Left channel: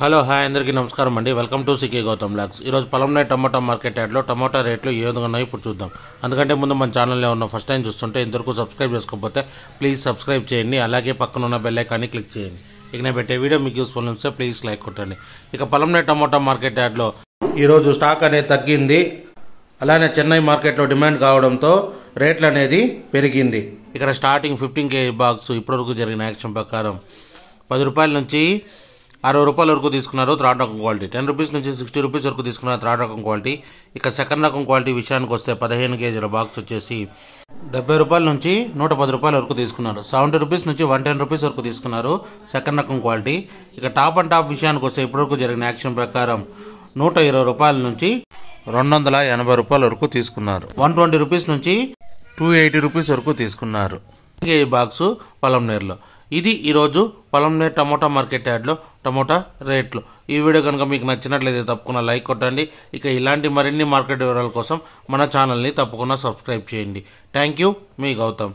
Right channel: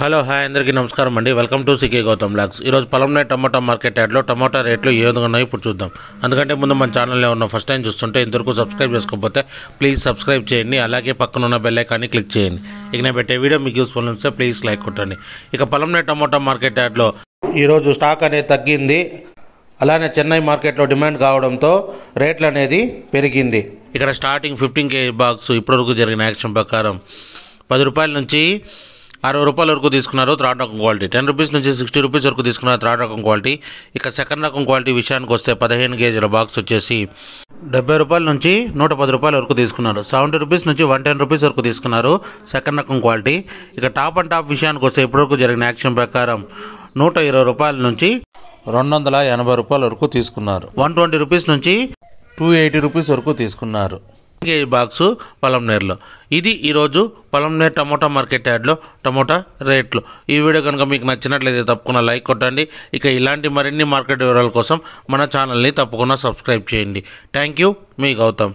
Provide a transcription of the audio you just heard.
Hello hi అందరికీ నమస్కారం అండి. Welcome to CK Gautam blogs. ఈరోజు పొలంనే టమాటా మార్కెట్ యార్డ్లో టమాటా రేట్లు ఏ విధంగా ఉన్నాయో ఇప్పుడు చూద్దాం. అందుకంటే ముందు మన ఛానల్లో ఉన్న ఫస్ట్ టైం చూస్తుంటే ఇంతవరకు సబ్స్క్రైబ్ చేసుకోకపోతే ప్లీజ్ సబ్స్క్రైబ్ చేయండి. అలాగే పక్కన ఉన్న బెల్ ఐకాన్ని క్లిక్ చేయండి. ఇక నేను పెట్టే వీడియో మీకు యూస్ఫుల్ వస్తే ప్లీజ్ లైక్ కొట్టండి. ఇక పొలంనే టమాటా మార్కెట్ యార్డ్లో ఈరోజు స్టాక్ అనేది తగ్గింది. అలానే చెన్నై మార్కెట్లో డిమాండ్ కావడంతో రేట్లు అనేది పెరిగింది. ఇక్కడ స్టార్టింగ్ 15 kg బాక్స్ ఇప్పటివరకు జరిగిన యాక్షన్ ప్రకారం 10 రూపాయల నుంచి 60 రూపాయల వరకు తీసుకున్నారు థర్డ్ రకం క్వాలిటీ. 10 రూపీస్ నుంచి 60 రూపీస్ వరకు తీసుకున్నారు థర్డ్ రకం క్వాలిటీ. ఇక సెకండ్ రకం క్వాలిటీ విషయానికి వస్తే 15 kg బాక్స్ వచ్చేసి 70 రూపాయల నుంచి 110 రూపాయల వరకు తీసుకున్నారు. 70 రూపీస్ నుంచి 110 రూపీస్ వరకు తీసుకున్నారు సెకండ్ రకం క్వాలిటీ. ఇక టాప్ అండ్ టాప్ విషయానికి వస్తే ఇప్పటివరకు జరిగిన యాక్షన్ ప్రకారం 120 రూపాయల నుంచి 280 రూపాయల వరకు తీసుకున్నారు. 120 రూపీస్ నుంచి 280 రూపీస్ వరకు తీసుకున్నారు ఈ బాక్సు పొలంనేరులో. ఇది ఈరోజు పొలంనేరు టమోటా మార్కెట్ యార్డ్లో టమోటా రేట్లు. ఈ వీడియో కనుక మీకు నచ్చినట్లయితే తప్పకుండా లైక్ కొట్టండి. ఇక ఇలాంటి మరిన్ని మార్కెట్ వివరాల కోసం మన ఛానల్ని తప్పకుండా సబ్స్క్రైబ్ చేయండి. థ్యాంక్ యూ, మీ గౌతమ్.